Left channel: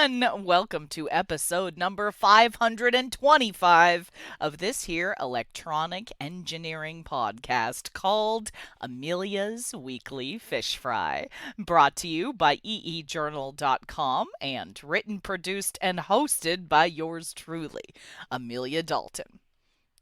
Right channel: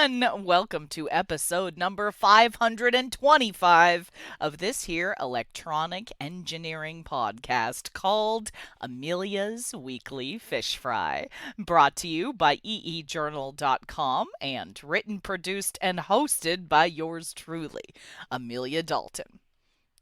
everyone! Welcome to episode number 525 of this here electronic engineering podcast called Amelia's Weekly Fish Fry, brought to you by eejournal.com and written, produced, and hosted by yours truly, Amelia Dalton.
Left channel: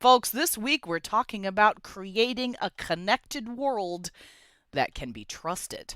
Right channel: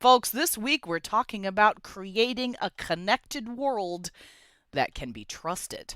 Folks, this week we're talking about creating a connected world that can be trusted.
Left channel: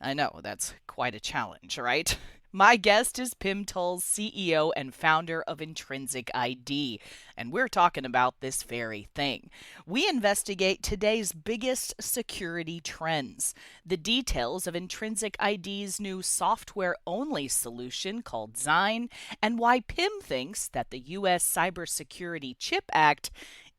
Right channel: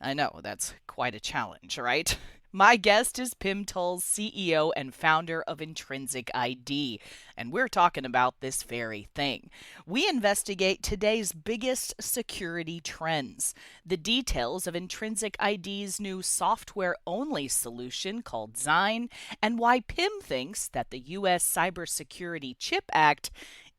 I know, that's quite a challenge, right? My guest is Pim Tuyls, CEO and founder of Intrinsic ID, and we're talking about this very thing. We investigate today's biggest security trends, the details of Intrinsic ID's new software-only solution called Zign, and why Pim thinks that the US Cybersecurity Chip Act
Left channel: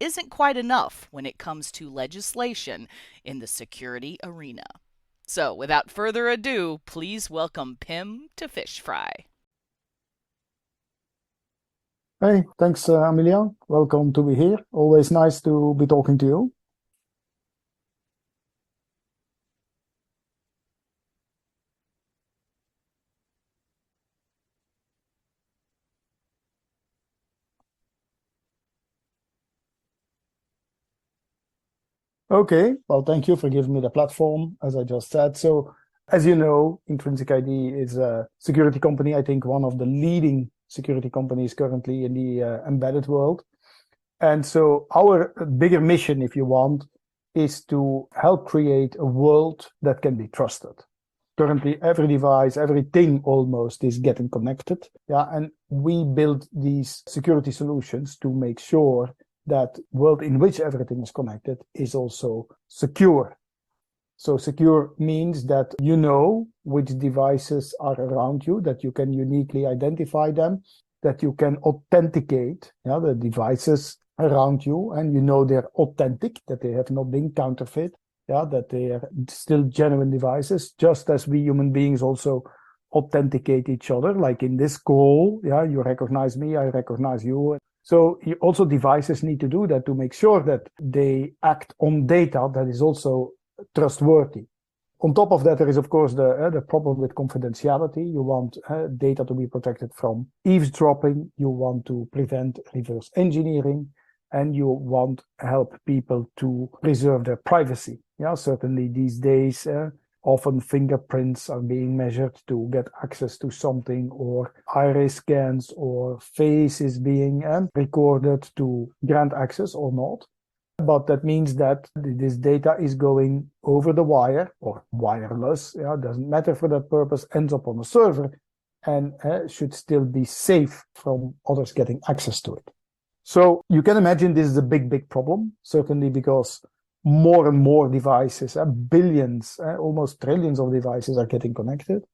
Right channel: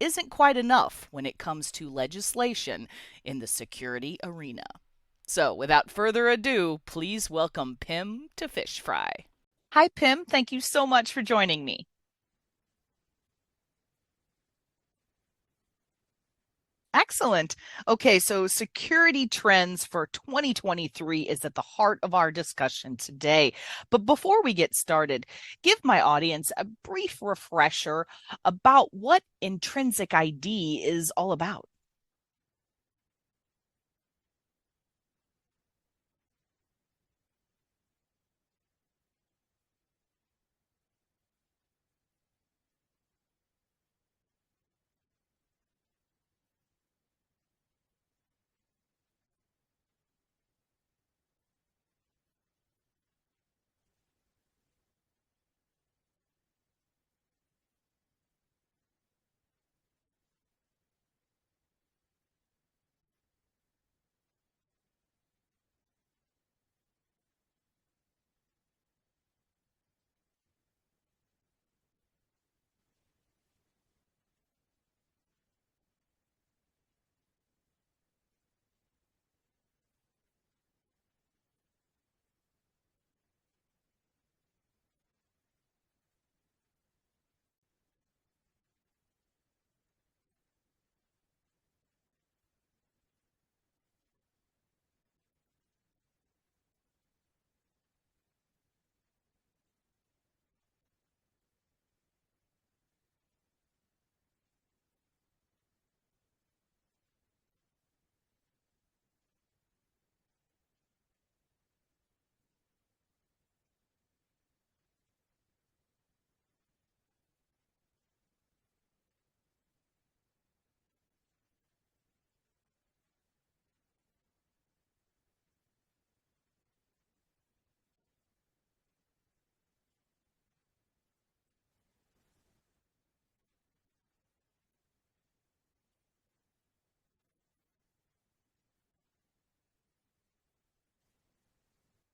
isn't quite enough when it comes to legislation in the security arena. So, without further ado, please welcome Pim to Fish Fry. Hi, Pim. Thank you so much for joining me. Hey, thanks, Amelia. Welcome to be here. Always nice to be talking to you. Excellent. Okay, so security trends for 2023 is at the heart of our discussion today. But before we get started, give my audience a brief refresher about what Intrinsic ID is all about. Okay, well, thank you for giving me the platform, as I just said. So, as you know, Intrinsic ID is a security company, I think one of the leading security companies currently in the embedded world. And so our bigger mission, if you want, is to help create a world that can be trusted. Currently, every device, everything almost is getting connected. Yeah, and we build these security solutions to make sure that world in which everything is connected is also secure. So secure means that you know which devices are around you, that you can uniquely identify them, that you can authenticate the devices around you, and you know they're authentic, that they have not been counterfeit, that they are still genuine devices, just as we human beings also authenticate each other. Like in this call, you recognize me, I recognize you. So also devices need to do that to make sure that they act on data that is also trustworthy. On top of that, there is, of course, the problem with confidentiality. You want data to be protected from eavesdropping. You want to prevent reverse engineering. And you want to help people to preserve their privacy. Yeah, certainly these days, often fingerprints are being measured to get access to something, or iris scans or face is being recorded to grant access or not. But that means that this data is going over the wire or wireless, doesn't matter for that purpose, ends up on a server and should still be safe from others getting access to it. So you can imagine this is a big problem, certainly because more and more devices, billions, almost trillions of devices are getting connected.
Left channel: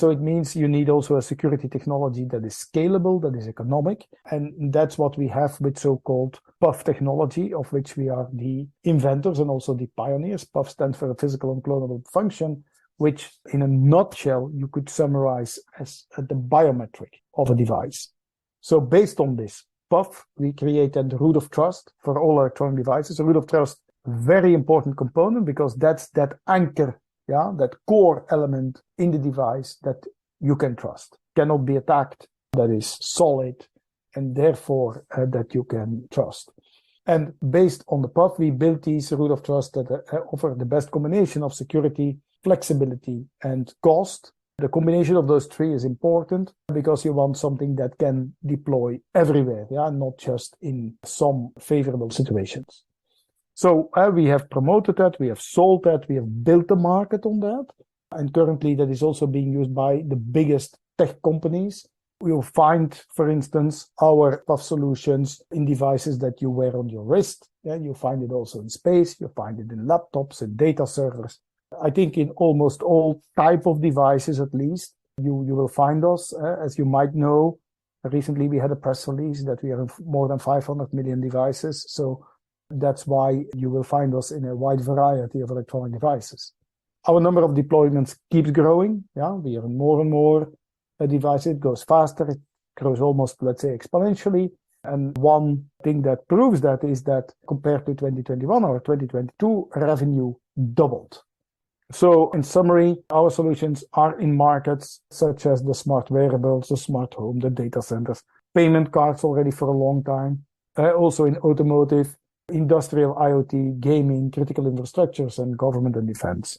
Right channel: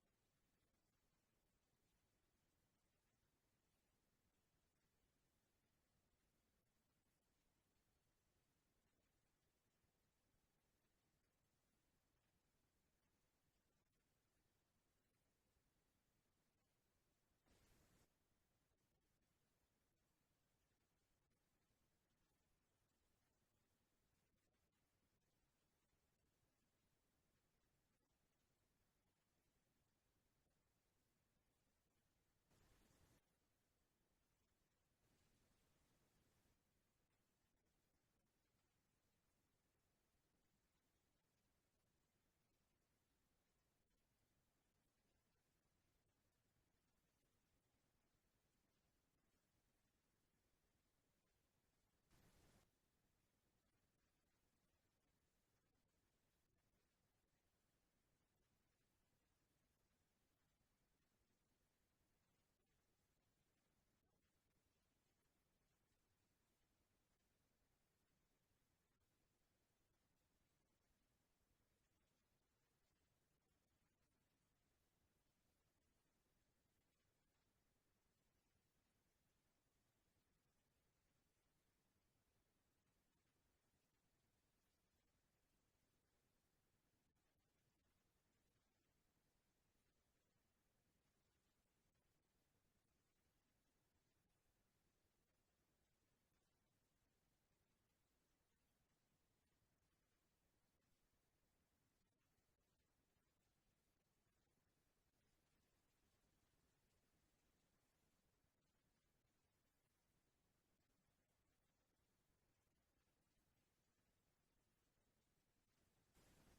So it means you need also a security technology that is scalable, that is economic. And that's what we have with so-called PUF technology, of which we are the inventors and also the pioneers. PUF stands for a physical unclonable function, which in a nutshell, you could summarize as the biometric of a device. So based on this PUF, we created the root of trust for all electronic devices. The root of trust, very important component, because that's that anchor, that core element in the device that you can trust, cannot be attacked, that is solid, and therefore that you can trust. And based on the PUF, we built these root of trust that offer the best combination of security, flexibility, and cost. The combination of those three is important because you want something that can deploy everywhere, not just in some favorable situations. So we have promoted that, we have sold that, we have built the market on that. And currently that is also being used by the biggest tech companies. You'll find, for instance, our PUF solutions in devices that you wear on your wrist. You find it also in space, you find it in laptops and data servers. I think in almost all type of devices, at least, you will find us. As you might know, recently we had a press release that we are in more than 500 million devices. So that's why you will find us in a wide variety of electronic devices. Our number of deployments keeps growing. We are in more and more devices. It goes faster. It grows almost, let's say, exponentially. And one thing that proves that is that compared to 2021 or 2022, revenue doubled. So in summary, our solutions are in markets such as the smart wearables, the smart home, the data centers, payment cards already for a long time, also in automotive, industrial IoT, gaming, critical infrastructures, and government and defense.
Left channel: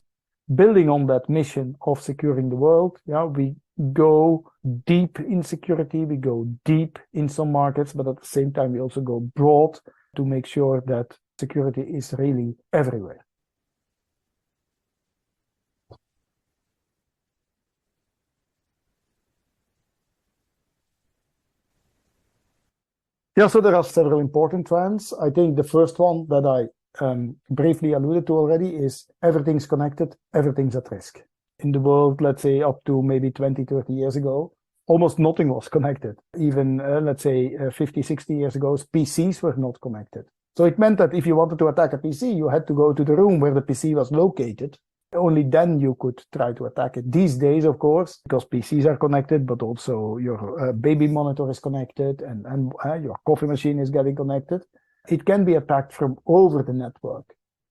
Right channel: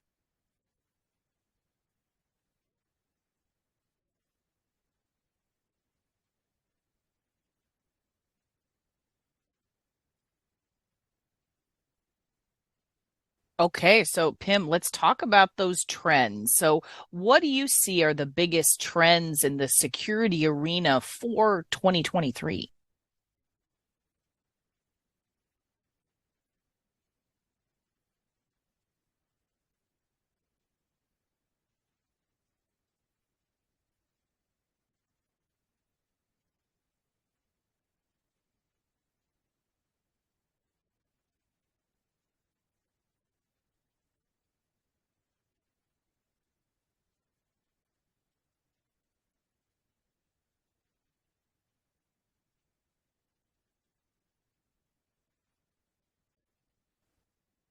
Building on that mission of securing the world, we go deep in security, we go deep in some markets, but at the same time, we also go broad to make sure that security is really everywhere. Okay, so Pim, let's talk about those trends. So, what do you see are the biggest trends in the security arena for 2023? Yeah, so there are several important trends. I think the first one that I briefly alluded to already is everything's connected, everything's at risk. In the world, let's say up to maybe 20, 30 years ago, almost nothing was connected. Even, let's say, 50, 60 years ago, PCs were not connected. So it meant that if you wanted to attack a PC, you had to go to the room where the PC was located. Only then you could try to attack it. These days, of course, because PCs are connected, but also your baby monitor is connected and your coffee machine is getting connected. It can be attacked from over the network.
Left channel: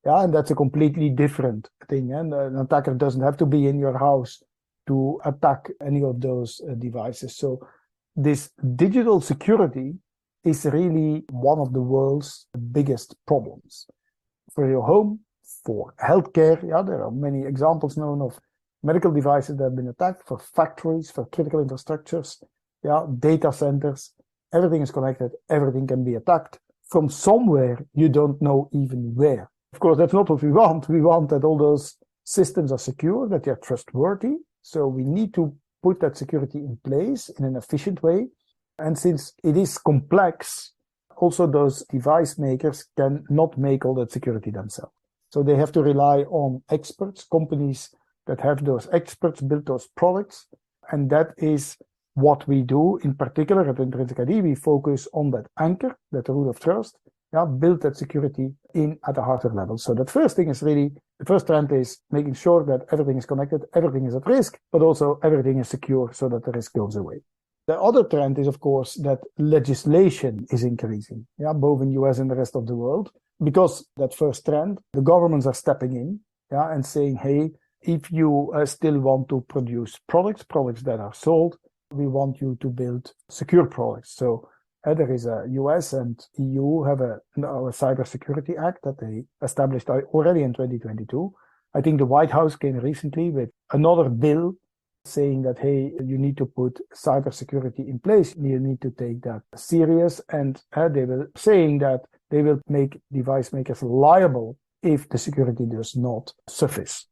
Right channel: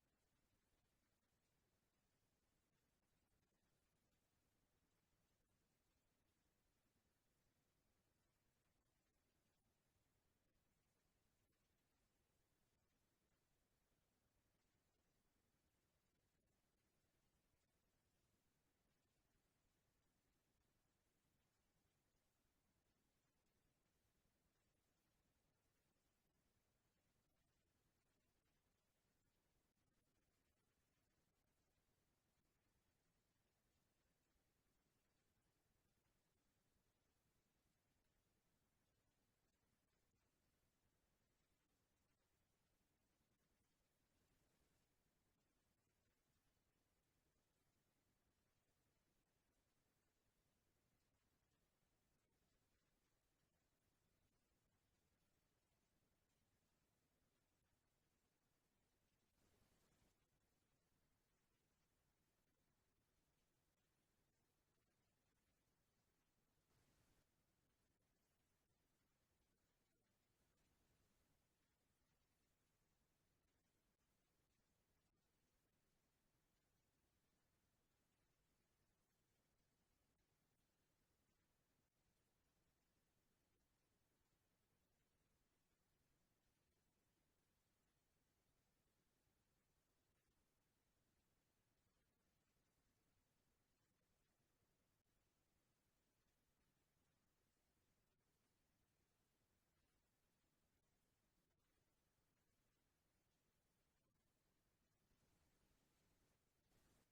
Yeah, and that's a completely different thing. And an attacker doesn't have to be in your house to attack any of those devices. So this digital security is really one of the world's biggest problems. For your home, for healthcare, there are many examples known of medical devices that have been attacked, for factories, for critical infrastructures, data centers. Everything is connected, everything can be attacked from somewhere you don't know even where. Of course, that's not what we want. We want that all those systems are secure, that they're trustworthy. So we need to put that security in place in an efficient way. And since it is complex, also those device makers cannot make all that security themselves. So they have to rely on experts, companies that have those experts build those products. And that is what we do. In particular, at Intrinsic ID, we focus on that anchor, that root of trust, build that security in at a hardware level. So that first thing is really, the first trend is making sure that everything is connected, everything is at risk, but also everything is secure so that the risk goes away. The other trend is, of course, that legislation is increasing, both in US and the rest of the world. Because that first trend, the governments are stepping in, and saying, hey, if you still want to produce products that are sold, we want you to build secure products. So there is a US and EU have a Cybersecurity Act that they established already in 2022. I think the White House came recently with another bill saying that, hey, you need to put cybersecurity in place. You need to take that serious. And they were saying that they will make device makers liable if the security does not suffice.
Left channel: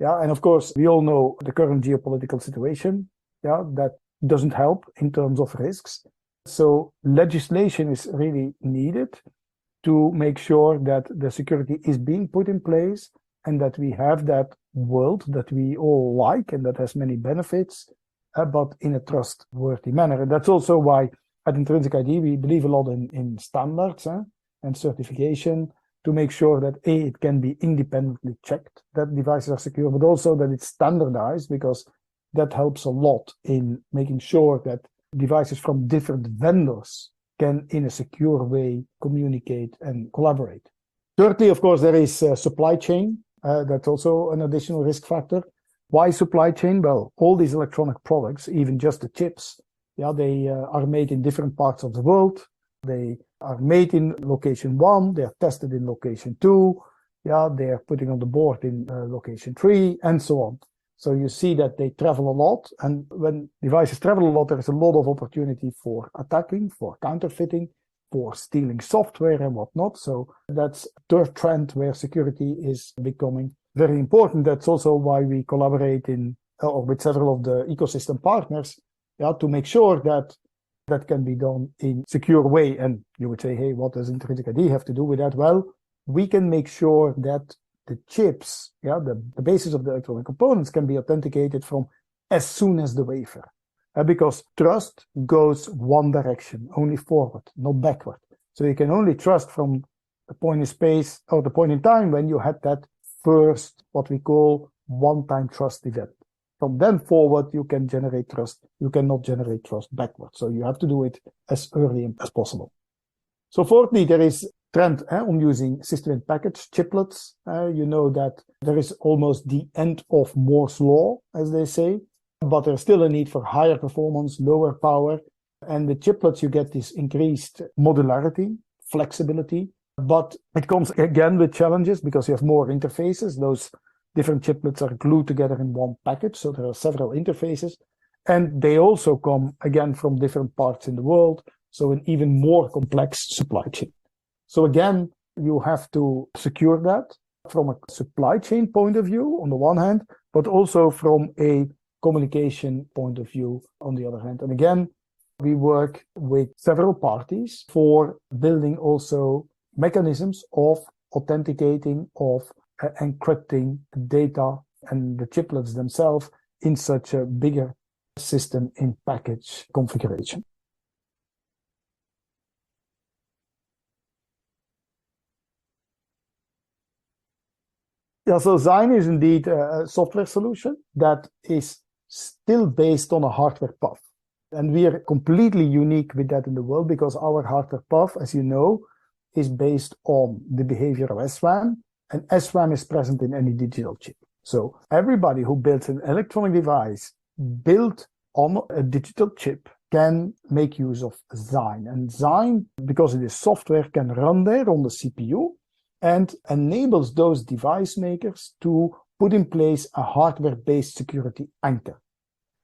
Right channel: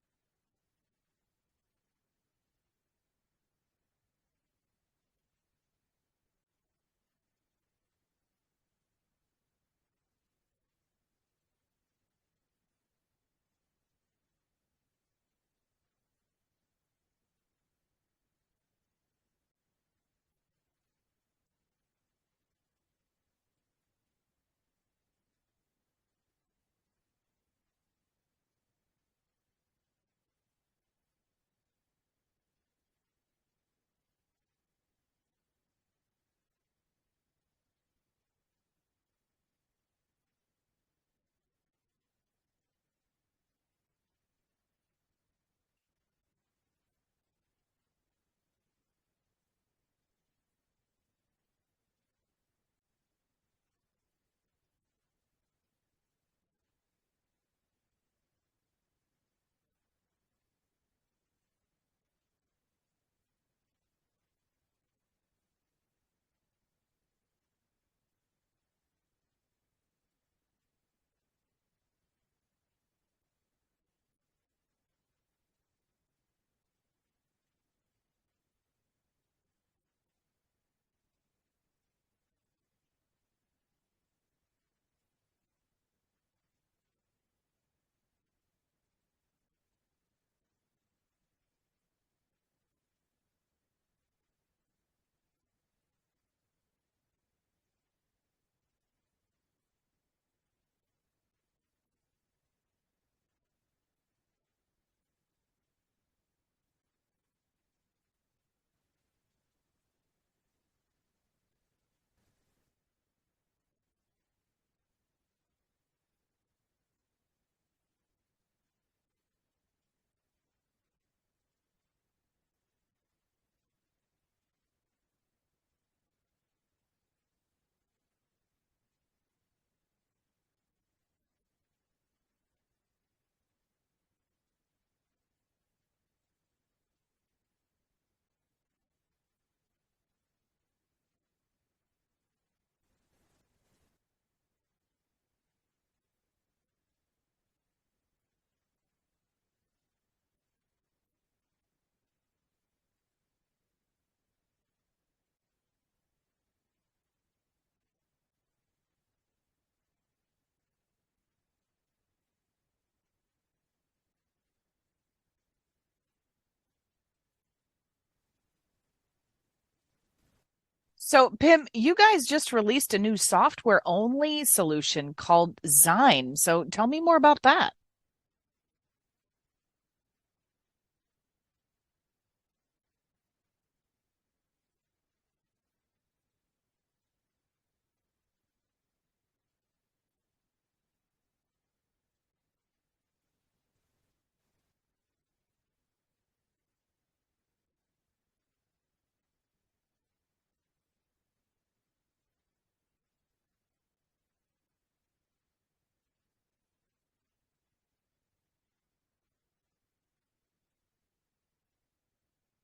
And of course, we all know the current geopolitical situation, that doesn't help in terms of risks. So legislation is really needed to make sure that the security is being put in place and that we have that world that we all like and that has many benefits, but in a trustworthy manner. And that's also why at Intrinsic ID, we believe a lot in standards and certification to make sure that it can be independently checked, that devices are secure, but also that it's standardized, because that helps a lot in making sure that devices from different vendors can, in a secure way, communicate and collaborate. Thirdly, of course, there is supply chain. That's also an additional risk factor. Why supply chain? Well, all these electronic products, even just the chips, they are made in different parts of the world. They are made in location 1, they are tested in location 2, they are putting on the board in location 3, and so on. So you see that they travel a lot, and when devices travel a lot, there is a lot of opportunity for attacking, for counterfeiting, for stealing software and whatnot. So that's a third trend where security is becoming very important. That's also why we collaborate with several of the ecosystem partners, to make sure that that can be done in a secure way. And you would say, hey, what does Intrinsic ID have to do with that? Well, we can make sure that the chips, the basis of the electronic components can be authenticated from as soon as the wafer. Because trust goes one direction, only forward, not backward. So you can only trust from the point in space or the point in time when you had that first, what we call one-time trust event. From then forward, you can generate trust. You cannot generate trust backward. So you have to do it as early as possible. So fourthly, there is trend on using system-in-package chiplets. You know that there is almost the end of Moore's law, as they say, but there's still a need for higher performance, lower power. And with chiplets, you get this increased modularity, flexibility, but it comes again with challenges because you have more interfaces. Those different chiplets are glued together in one package, so there are several interfaces. And they also come, again, from different parts in the world, so an even more complex supply chain. So again, you have to secure that from a supply chain point of view, on the one hand, but also from a communication point of view, on the other hand. And again, we work with several parties for building also mechanisms of authenticating, of encrypting the data and the chiplets themselves in such a bigger system in package configuration. So, Pim, you guys just released a new software-only solution called Zign. So tell me more about that. Yeah, so Zign is indeed a software solution that is still based on a hardware PUF. And we are completely unique with that in the world because our hardware PUF, as you know, is based on the behavior of SRAM, and SRAM is present in any digital chip. So everybody who builds an electronic device built on a digital chip can make use of Zign. And Zign, because it is software, can run there on the CPU and enables those device makers to put in place a hardware-based security anchor.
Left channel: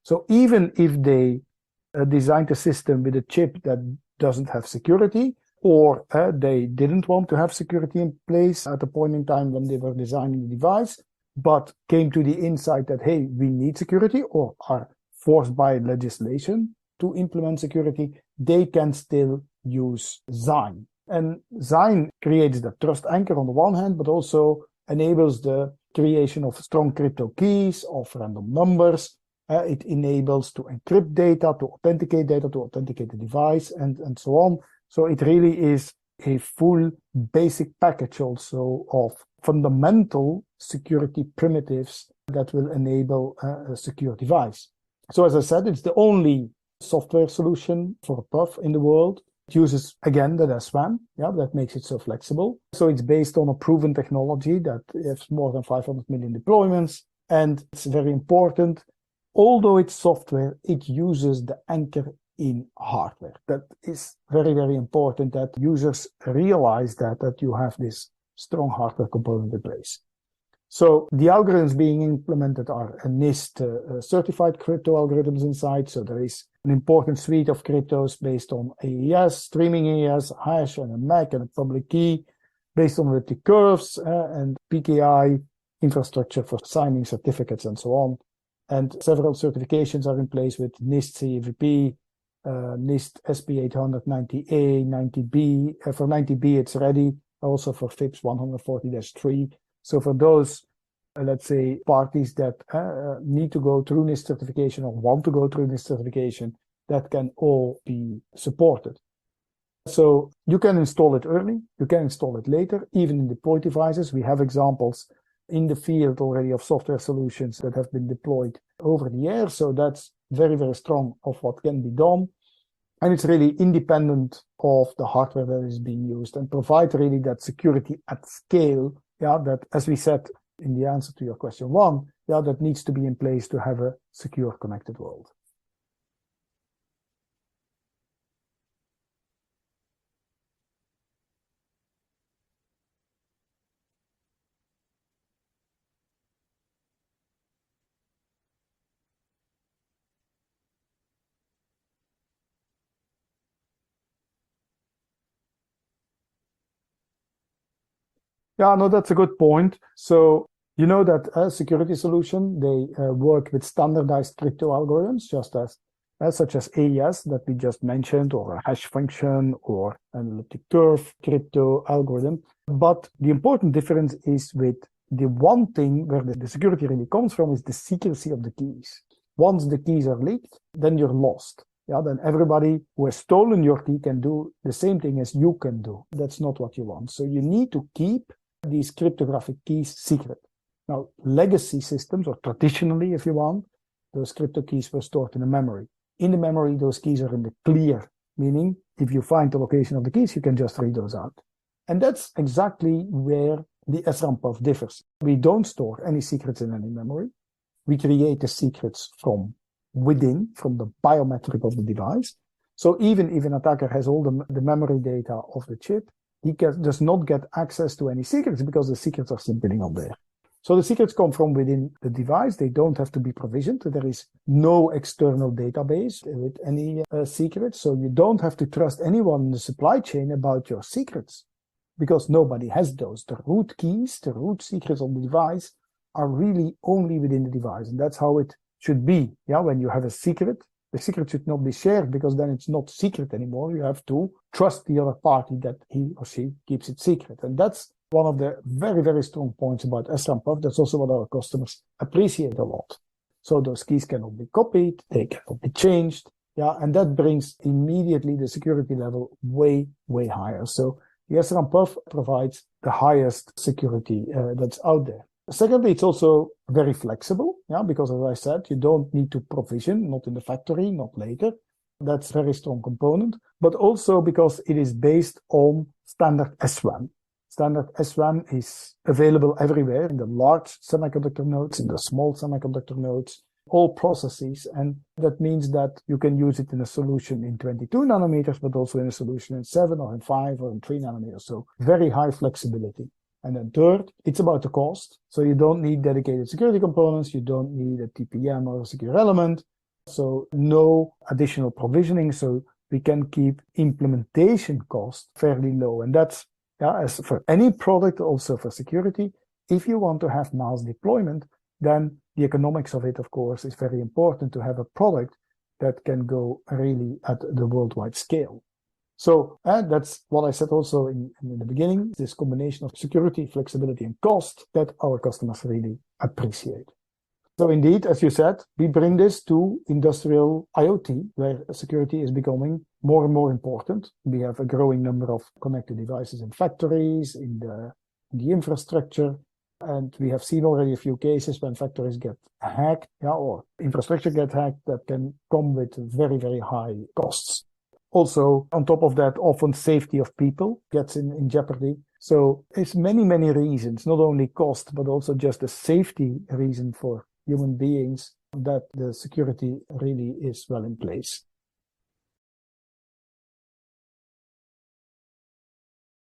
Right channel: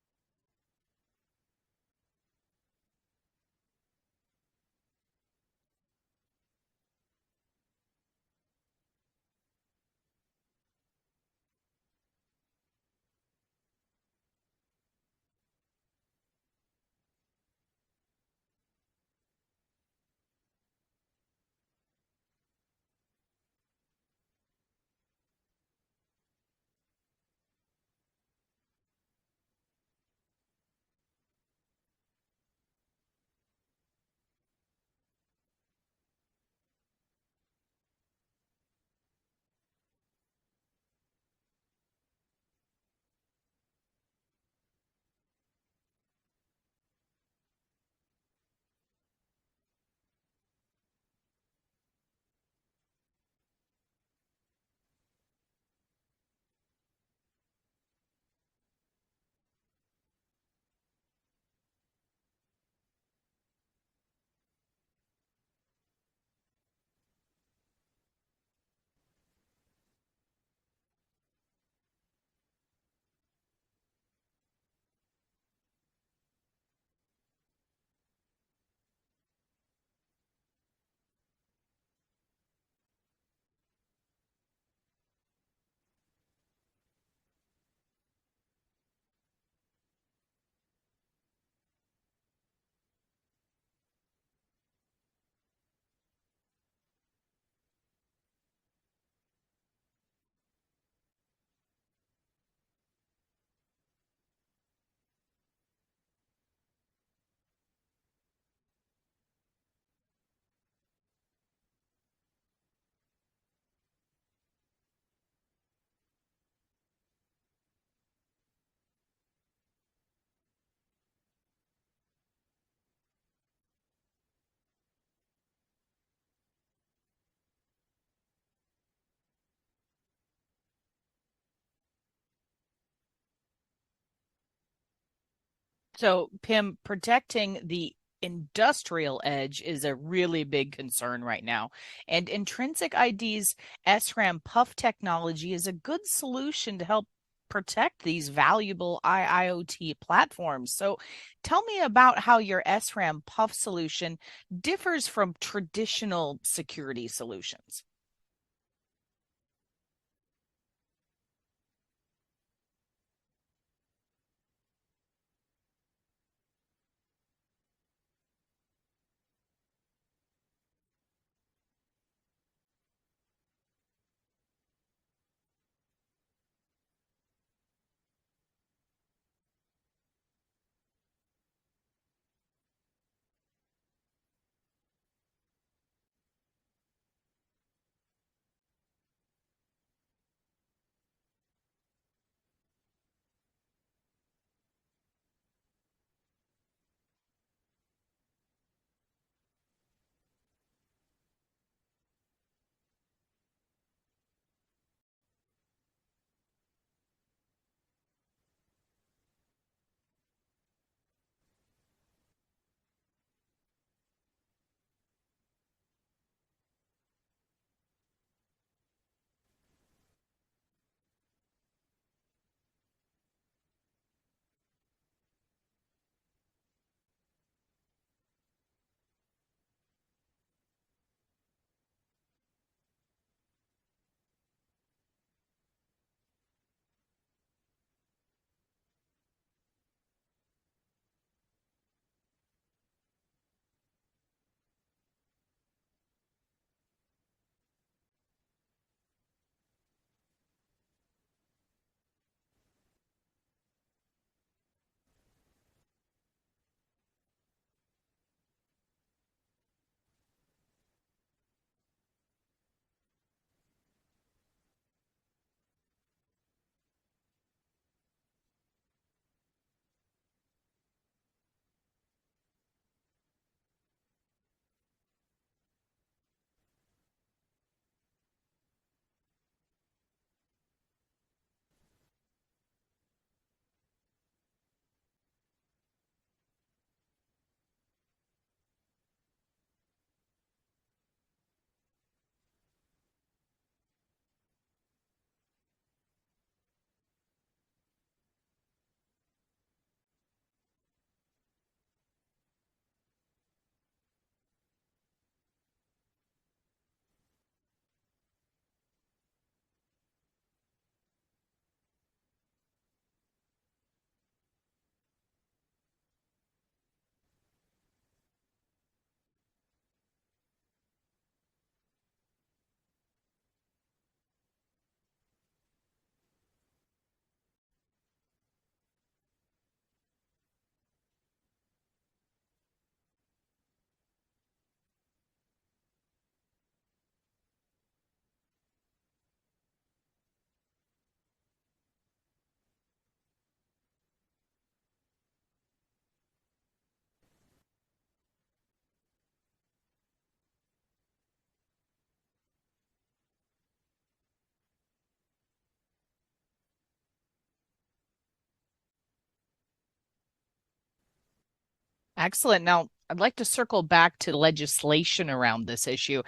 So even if they designed a system with a chip that doesn't have security, or they didn't want to have security in place at the point in time when they were designing the device, but came to the insight that, hey, we need security, or are forced by legislation to implement security, they can still use Zign. And Zign creates the trust anchor on the one hand, but also enables the creation of strong crypto keys, of random numbers. It enables to encrypt data, to authenticate the device, and so on. So it really is a full basic package also of fundamental security primitives that will enable a secure device. So as I said, it's the only software solution for a PUF in the world. It uses, again, the SRAM, that makes it so flexible. So it's based on a proven technology that has more than 500 million deployments. And it's very important, although it's software, it uses the anchor in hardware. That is very, very important that users realize that you have this strong hardware component in place. So the algorithms being implemented are NIST certified crypto algorithms inside. So there is an important suite of cryptos based on AES, streaming AES, hash, and a MAC, and a public key based on the curves and PKI infrastructure for signing certificates and so on. And several certifications are in place with NIST CAVP, NIST SP800 90A, 90B. For 90B, it's ready. Also for FIPS 140-3. So for those, let's say, parties that need to go through NIST certification or want to go through NIST certification, that can all be supported. So you can install it early, you can install it later, even in deployed devices. We have examples in the field already of software solutions that have been deployed over the air. So that's very, very strong of what can be done. And it's really independent of the hardware that is being used and provide really that security at scale, that, as we said in the answer to your question one, that needs to be in place to have a secure connected world. So, Pim, protecting the industrial edge is a really big concern right now. And Intrinsic ID's SRAM PUF technology is a good solution to help protect these valuable IoT platforms. So tell me about how your SRAM PUF solution differs from traditional security solutions. Yeah, no, that's a good point. So you know that a security solution, they work with standardized crypto algorithms, just as such as AES that we just mentioned, or a hash function, or an elliptic curve crypto algorithm. But the important difference is with the one thing where the security really comes from is the secrecy of the keys. Once the keys are leaked, then you're lost. Then everybody who has stolen your key can do the same thing as you can do. That's not what you want. So you need to keep these cryptographic keys secret. Now, legacy systems, or traditionally, if you want, those crypto keys were stored in a memory. In the memory, those keys are in the clear, meaning if you find the location of the keys, you can just read those out. And that's exactly where the SRAM puff differs. We don't store any secrets in any memory. We create the secrets from within, from the biometric of the device. So even if an attacker has all the memory data of the chip, he does not get access to any secrets because the secrets are simply not there. So the secrets come from within the device. They don't have to be provisioned. There is no external database with any secrets. So you don't have to trust anyone in the supply chain about your secrets because nobody has those. The root keys, the root secrets on the device are really only within the device. And that's how it should be. Yeah, when you have a secret, the secret should not be shared because then it's not secret anymore. You have to trust the other party that he or she keeps it secret. And that's one of the very, very strong points about SRAM puff. That's also what our customers appreciate a lot. So those keys cannot be copied, they cannot be changed. Yeah, and that brings immediately the security level way, way higher. So the SRAM puff provides the highest security that's out there. Secondly, it's also very flexible, yeah, because as I said, you don't need to provision, not in the factory, not later. That's a very strong component, but also because it is based on standard SRAM. Standard SRAM is available everywhere in the large semiconductor nodes, in the small semiconductor nodes, all processes. And that means that you can use it in a solution in 22 nanometers, but also in a solution in 7 or in 5 or in 3 nanometers. So very high flexibility. And then third, it's about the cost. So you don't need dedicated security components. You don't need a TPM or a secure element. So no additional provisioning. So we can keep implementation cost fairly low. And that's, yeah, as for any product, also for security, if you want to have mass deployment, then the economics of it, of course, is very important to have a product that can go really at the worldwide scale. So that's what I said also in the beginning, this combination of security, flexibility, and cost that our customers really appreciate. So indeed, as you said, we bring this to industrial IoT, where security is becoming more and more important. We have a growing number of connected devices in factories, in the infrastructure, and we have seen already a few cases when factories get hacked, yeah, or infrastructure get hacked that can come with very, very high costs. Also, on top of that, often safety of people gets in jeopardy. So it's many, many reasons, not only cost, but also just a safety reason for human beings that the security really is well in place. Excellent. Now, I'd like to circle back to legislation around this issue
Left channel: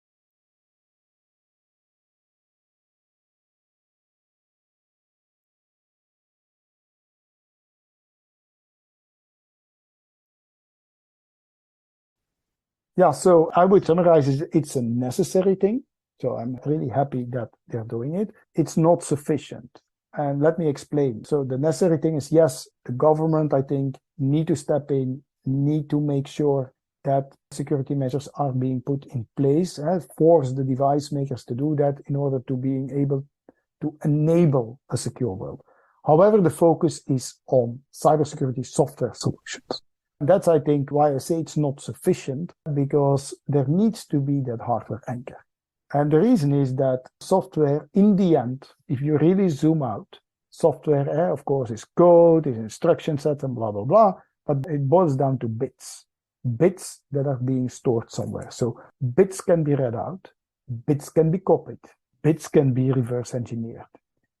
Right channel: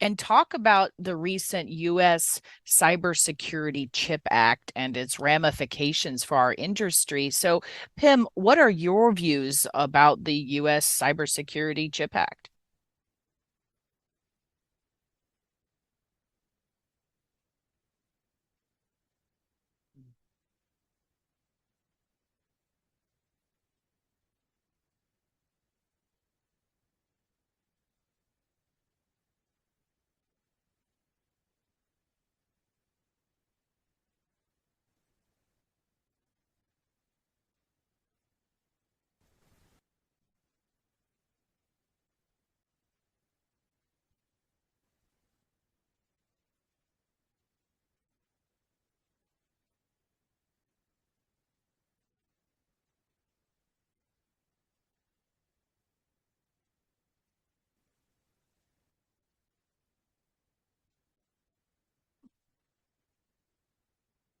and talk about the recent US Cybersecurity Chip Act and its ramifications for our industry. So, Pim, what are your views about the US Cybersecurity Chip Act? Yeah, so I would summarize it's a necessary thing. So I'm really happy that they're doing it. It's not sufficient. And let me explain. So the necessary thing is, yes, the government, I think, need to step in, need to make sure that security measures are being put in place, force the device makers to do that in order to being able to enable a secure world. However, the focus is on cybersecurity software solutions. And that's, I think, why I say it's not sufficient, because there needs to be that hardware anchor. And the reason is that software, in the end, if you really zoom out, software, of course, is code, is instruction sets, and blah, blah, blah, but it boils down to bits. Bits that are being stored somewhere. So bits can be read out, bits can be copied, bits can be reverse engineered.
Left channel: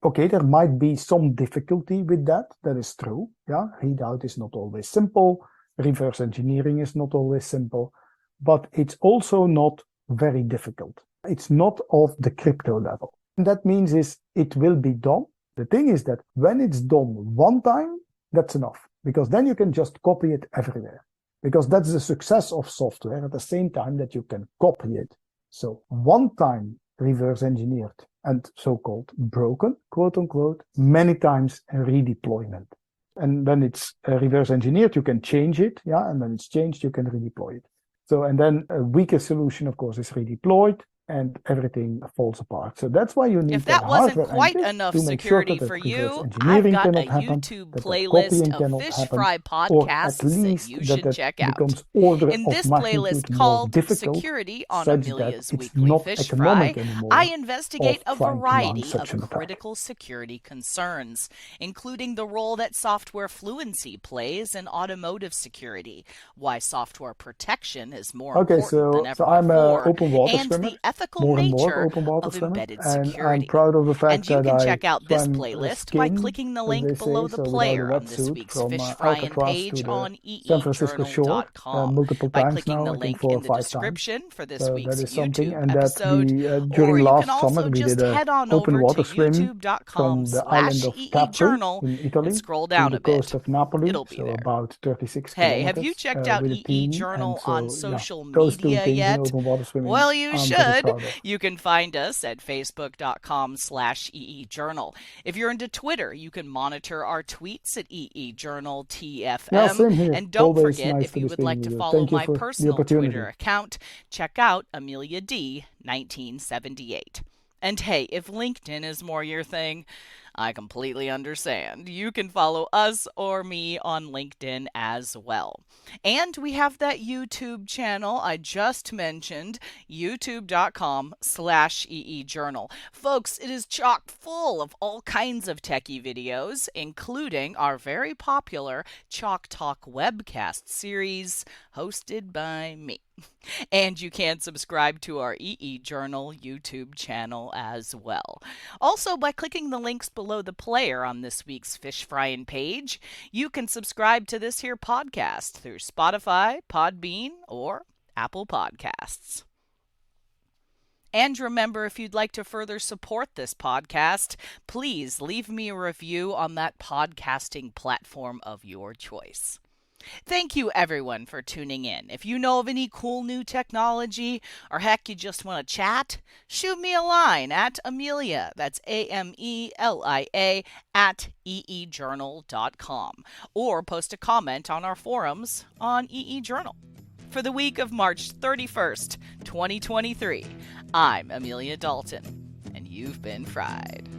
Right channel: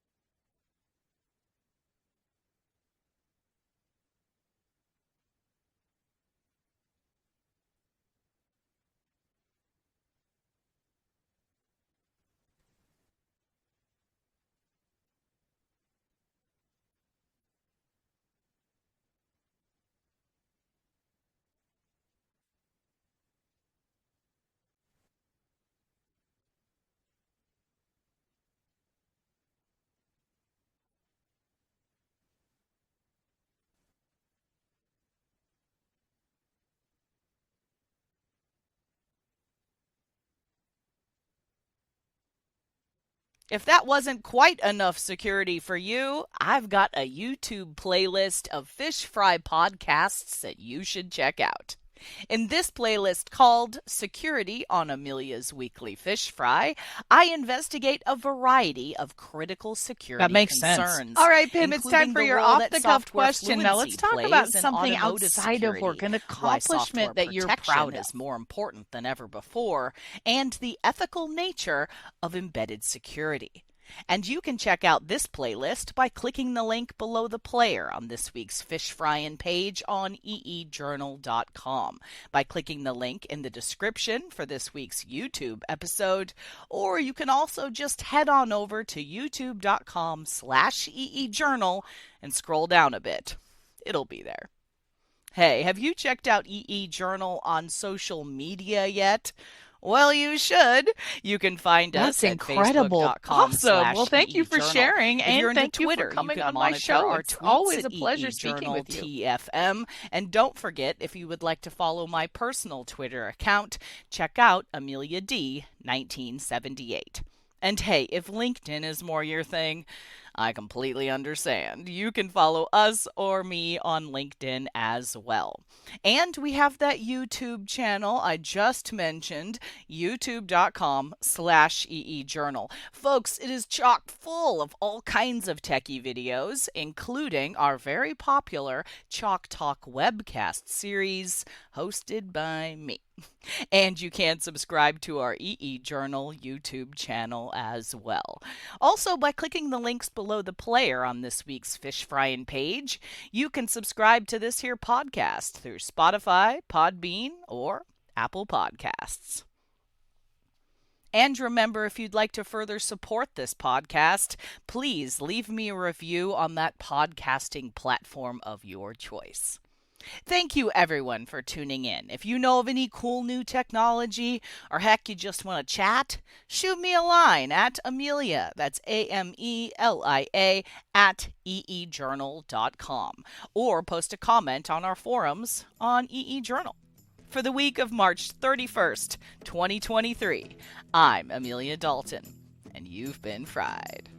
Okay, there might be some difficulty with that. That is true. Yeah, readout is not always simple. Reverse engineering is not always simple, but it's also not very difficult. It's not of the crypto level. And that means is it will be done. The thing is that when it's done one time, that's enough, because then you can just copy it everywhere. Because that's the success of software at the same time that you can copy it. So one time reverse engineered and so-called broken, quote unquote, many times a redeployment. And when it's reverse engineered, you can change it, yeah, and when it's changed, you can redeploy it. So, and then a weaker solution, of course, is redeployed. and everything falls apart. So that's why you need If that wasn't hardware quite antics enough to make security sure that for the reverse you, I've engineering got a cannot happen, YouTube that the playlist copying of cannot fish happen, fry or at podcasts that least you that should it check out. becomes order In of this playlist magnitude more called difficult, Security on such that Amelia's it's Weekly not Fish economic Fry, anymore I of investigate a trying to mount variety such of an attack. critical That security makes sense. concerns, All right, Pim, it's time including for the your role that off-the-cuff software question. Now let's fluency talk about plays in something automotive outside of security, work, an why software accomplishment that you're protection proud is of. more Okay, important than ever I'm an before, open water and swimmer, the ethical more and more nature open water of swimmer, embedded and I'm security. proud of the fact And you that can I check out this swam playlist by skin, clicking the as link they below say, the so without a player on this wetsuit week's from Fish Frying Alcatraz page to the on San Francisco shore eejournal.com, multiple by times clicking now, the I think link 4 or in the 5 times. description for this So week's that is something, YouTube and that episode, we or during you last can also summer we just did a head on open over to water swim from the island of Capri youtube.com/eejournal in Italy and scroll to down the a bit. coast of Napoli, It'll be so there. about 36 Hey, have you kilometers checked out with a EE team, Journal and on so social those two media things in yet? open water swimming Well, you I'm very should. proud of. You can find That's us at incredible. Awesome. Well, thank you for facebook.com/EE Journal. sharing, If and you're into thank you for Twitter, you coming can on my monitor show. our It's tweets always at a pleasure EE speaking Journal with you. Yeah, TFM. same here. And don't Always forget, nice if to you be would speaking like with to you. follow Thank you my for the personal opportunity. Twitter account, check out Amelia D 1978. And hey, if LinkedIn is more your thing, I completely understand. You can follow us or me on LinkedIn as well. And we have that YouTube channel I just mentioned, youtube.com/EEJournal. Folks, it is chock full of all kinds of techie videos, including our very popular Chalk Talk webcast series hosted by me. And you can subscribe to our EE Journal YouTube channel as well. Also, by clicking the links below the player on this week's Fish Frying page, you can subscribe to this here podcast through Spotify, Podbean, or Apple Podcasts. And remember, if you'd like to further support this podcast, please leave me a review on that podcasting platform of your choice. Thank you, everyone, for tuning in. If you know of any cool new technology, or heck, you just want to chat, shoot me a line at Amelia, that's AMELIA, at eejournal.com, or post a comment on our forums on EE Journal. For the week of March 31st, 2023, I'm Amelia Dalton, and you've been fried.